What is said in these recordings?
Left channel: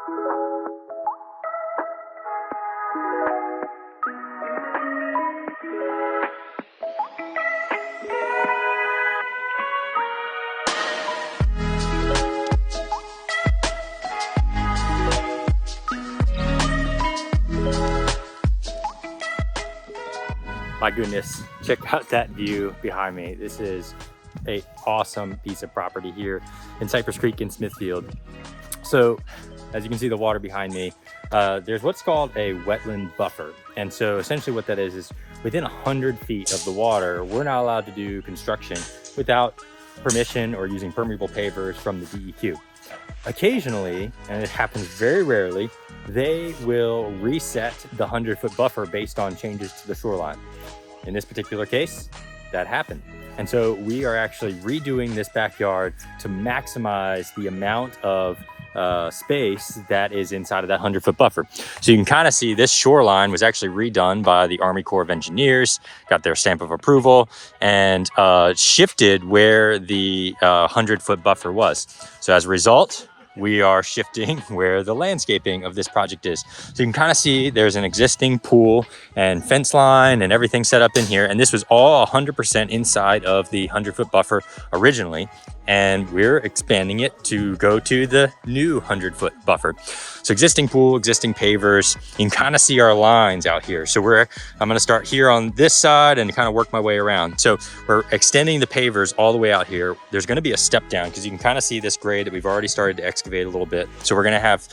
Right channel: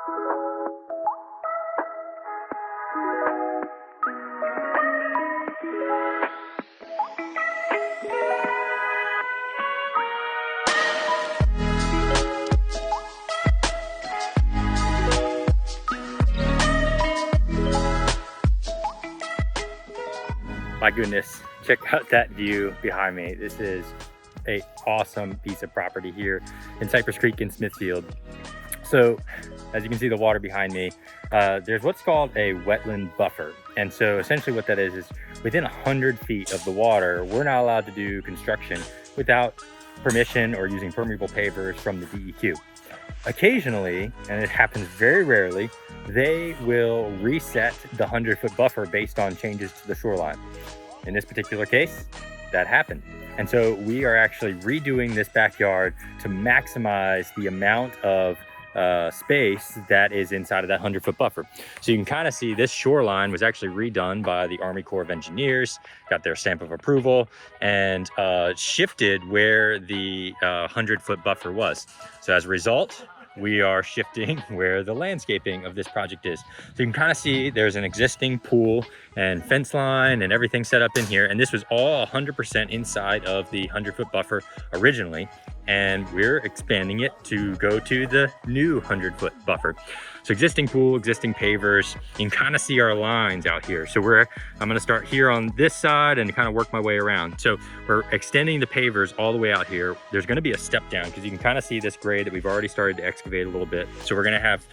My goodness, check out that view behind me. This is an awesome piece of property here in Cypress Creek in Smithfield. So as you can see the water behind me, there's what's called a wetland buffer. And so essentially what that is within 100 feet of the water, we're not allowed to do construction without permission or using permeable pavers from the DEQ. Occasionally, and it happens very rarely, they will reset the 100-foot buffer based on changes to the shoreline. In this particular case, that happened. And so we are actually redoing this backyard to maximize the amount of space that is inside of that 100-foot buffer. So you can kind of see this shoreline was actually redone by the Army Corps of Engineers, got their stamp of approval, and shifted where the 100-foot buffer was. So as a result, we are shifting where the landscaping of this project is. So you can kind of see there's an existing pool and fence line and everything set up in here. And this was all 100% inside of the 100-foot buffer originally. And we're expanding it to go to the new 100-foot buffer. So existing pool, existing pavers, you can kind of see our lines out here. So I'm gonna start here on this side and kind of work my way around. So we're extending the pavers all the way out here. There's gonna be a step down because you can kind of see this grade that we've already started to excavate a little bit. So we're gonna have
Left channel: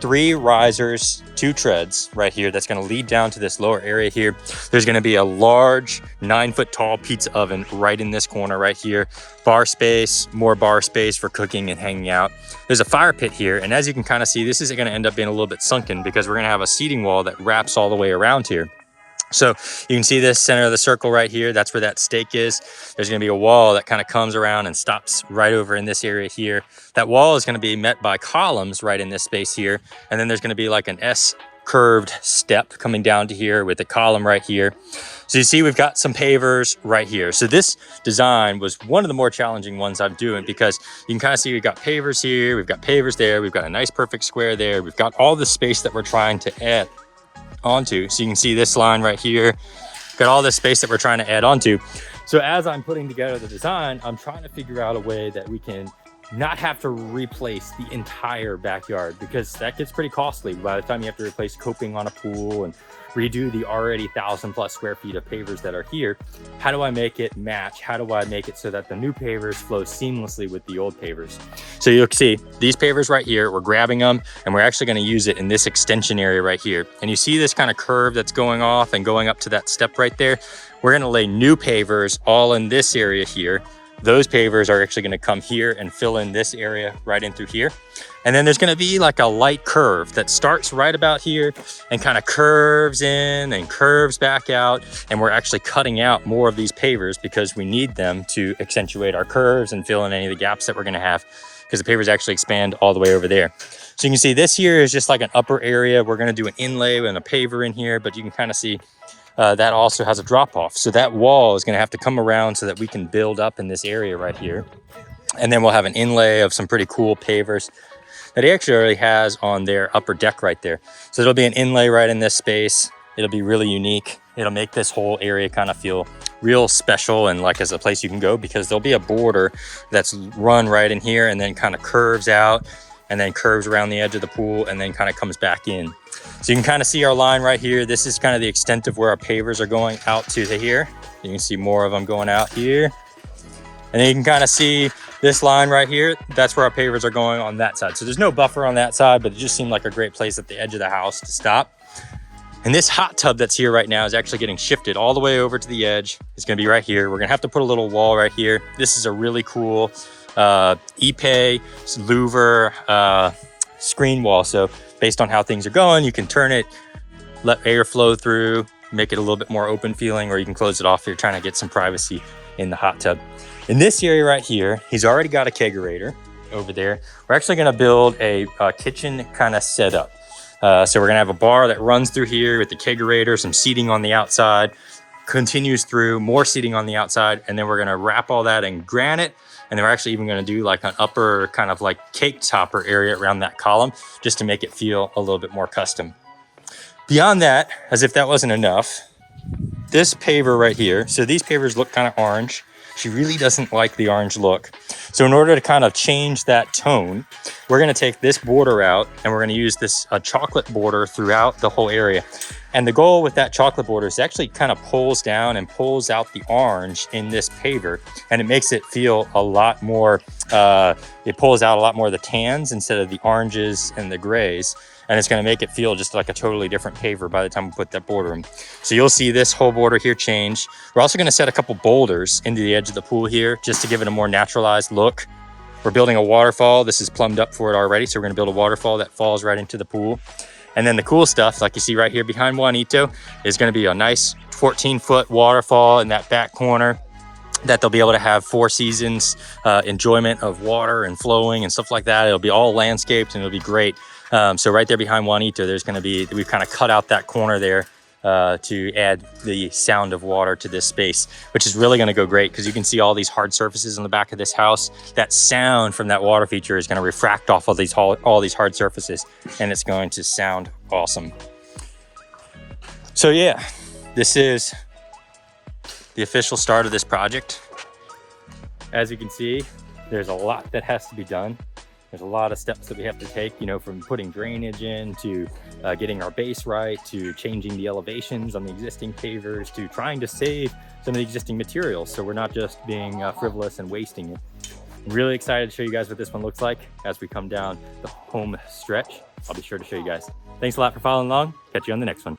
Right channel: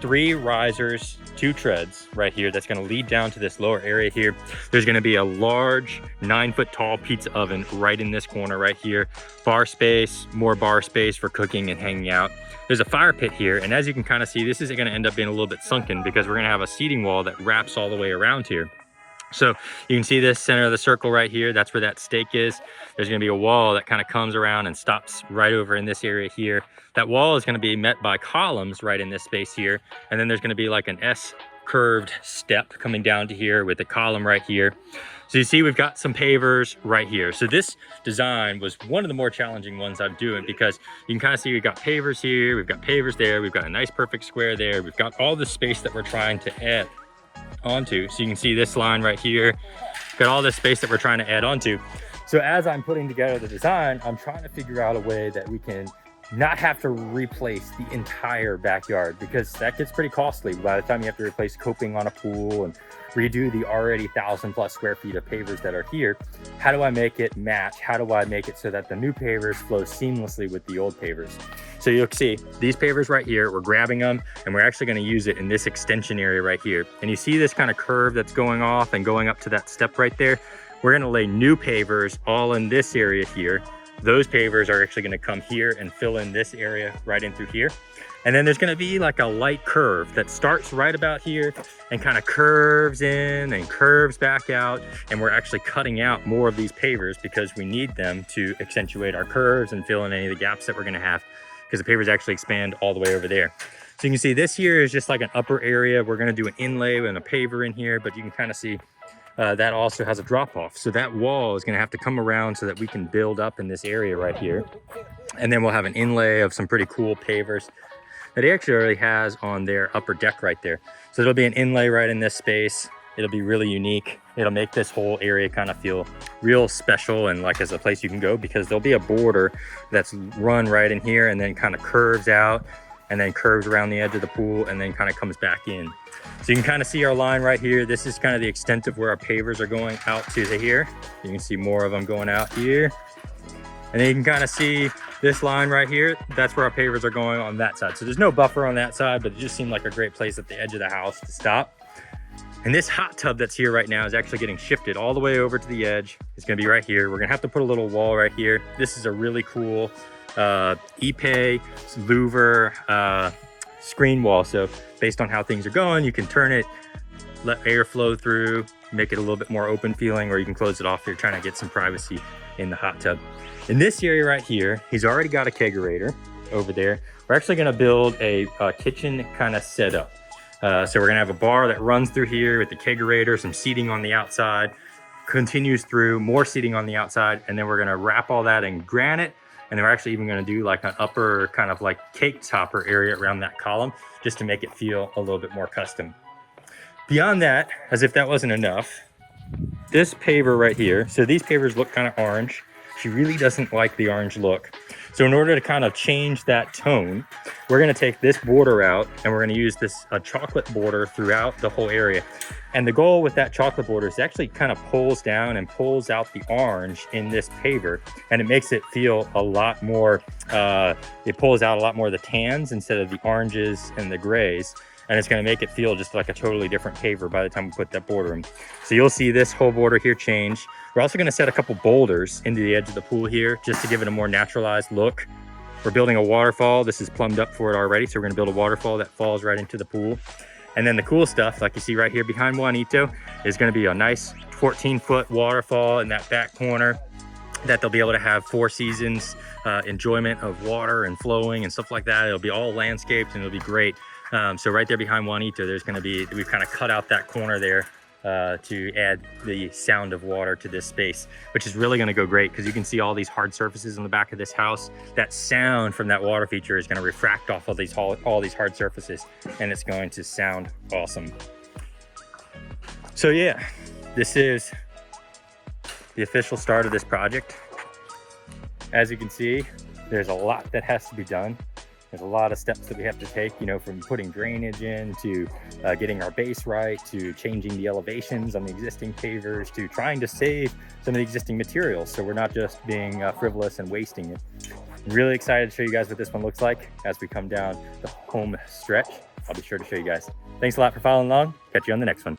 3 risers, 2 treads right here that's going to lead down to this lower area here. There's going to be a large 9-foot tall pizza oven right in this corner right here. Bar space, more bar space for cooking and hanging out. There's a fire pit here, and as you can kind of see, this is going to end up being a little bit sunken because we're going to have a seating wall that wraps all the way around here. So you can see this center of the circle right here. That's where that stake is. There's going to be a wall that kind of comes around and stops right over in this area here. That wall is going to be met by columns right in this space here. And then there's going to be like an S curved step coming down to here with a column right here. So you see we've got some pavers right here. So this design was one of the more challenging ones I'm doing because you can kind of see we've got pavers here, we've got pavers there, we've got a nice perfect square there. We've got all the space that we're trying to add onto. So you can see this line right here, got all this space that we're trying to add onto. So as I'm putting together the design, I'm trying to figure out a way that we can not have to replace the entire backyard because that gets pretty costly by the time you have to replace coping on a pool and redo the already 1,000+ square feet of pavers that are here. How do I make it match? How do I make it so that the new pavers flow seamlessly with the old pavers? So you'll see these pavers right here, we're grabbing them and we're actually going to use it in this extension area right here. And you see this kind of curve that's going off and going up to that step right there. We're going to lay new pavers all in this area here. Those pavers are actually going to come here and fill in this area right in through here. And then there's going to be like a light curve that starts right about here and kind of curves in and curves back out. And we're actually cutting out more of these pavers because we need them to accentuate our curves and fill in any of the gaps that we're going to have because the pavers actually expand all the way over there. So you can see this here is just like an upper area. We're going to do an inlay and a paver in here, but you can kind of see that also has a drop off. So that wall is going to have to come around so that we can build up in this area right here. And then we'll have an inlay of some pretty cool pavers that he actually already has on their upper deck right there. So it'll be an inlay right in this space. It'll be really unique. It'll make this whole area kind of feel real special and like as a place you can go because there'll be a border that's run right in here and then kind of curves out and then curves around the edge of the pool and then kind of comes back in. So you can kind of see our line right here. This is kind of the extent of where our pavers are going out to here. You can see more of them going out here. And then you can kind of see this line right here. That's where our pavers are going on that side. So there's no buffer on that side, but it just seemed like a great place at the edge of the house to stop. And this hot tub that's here right now is actually getting shifted all the way over to the edge. It's gonna be right here. We're gonna have to put a little wall right here. This is a really cool Ipe louver screen wall. So based on how things are going, you can turn it, let air flow through, make it a little bit more open feeling, or you can close it off if you're trying to get some privacy in the hot tub. In this area right here, he's already got a kegerator over there. We're actually gonna build a kitchen kind of setup. So we're gonna have a bar that runs through here with the kegerator, some seating on the outside, continues through, more seating on the outside, and then we're gonna wrap all that in granite And then we're actually even going to do like an upper kind of like cake topper area around that column, just to make it feel a little bit more custom. Beyond that, as if that wasn't enough, this paver right here, so these pavers look kind of orange. She really doesn't like the orange look. So in order to kind of change that tone, we're going to take this border out and we're going to use this chocolate border throughout the whole area. And the goal with that chocolate border is actually kind of pulls down and pulls out the orange in this paver, and it makes it feel a lot more, it pulls out a lot more of the tans instead of the oranges and the grays. And it's going to make it feel just like a totally different paver by the time we put that border in. So you'll see this whole border here change. We're also going to set a couple boulders into the edge of the pool here just to give it a more naturalized look. We're building a waterfall. This is plumbed up for it already. So we're going to build a waterfall that falls right into the pool. And then the cool stuff, like you see right here behind Juanito, is going to be a nice 14-foot waterfall in that back corner that they'll be able to have 4 seasons enjoyment of water and flowing and stuff like that. It'll be all landscaped and it'll be great. So right there behind Juanito, there's going to be, we've kind of cut out that corner there to add the sound of water to this space, which is really going to go great because you can see all these hard surfaces on the back of this house. That sound from that water feature is going to refract off of all these hard surfaces, and it's going to sound awesome. So yeah, this is the official start of this project. As you can see, there's a lot that has to be done. There's a lot of steps that we have to take, you know, from putting drainage in to getting our base right, to changing the elevations on the existing pavers, to trying to save some of the existing materials so we're not just being frivolous and wasting it. I'm really excited to show you guys what this one looks like as we come down the home stretch. I'll be sure to show you guys. Thanks a lot for following along. Catch you on the next one.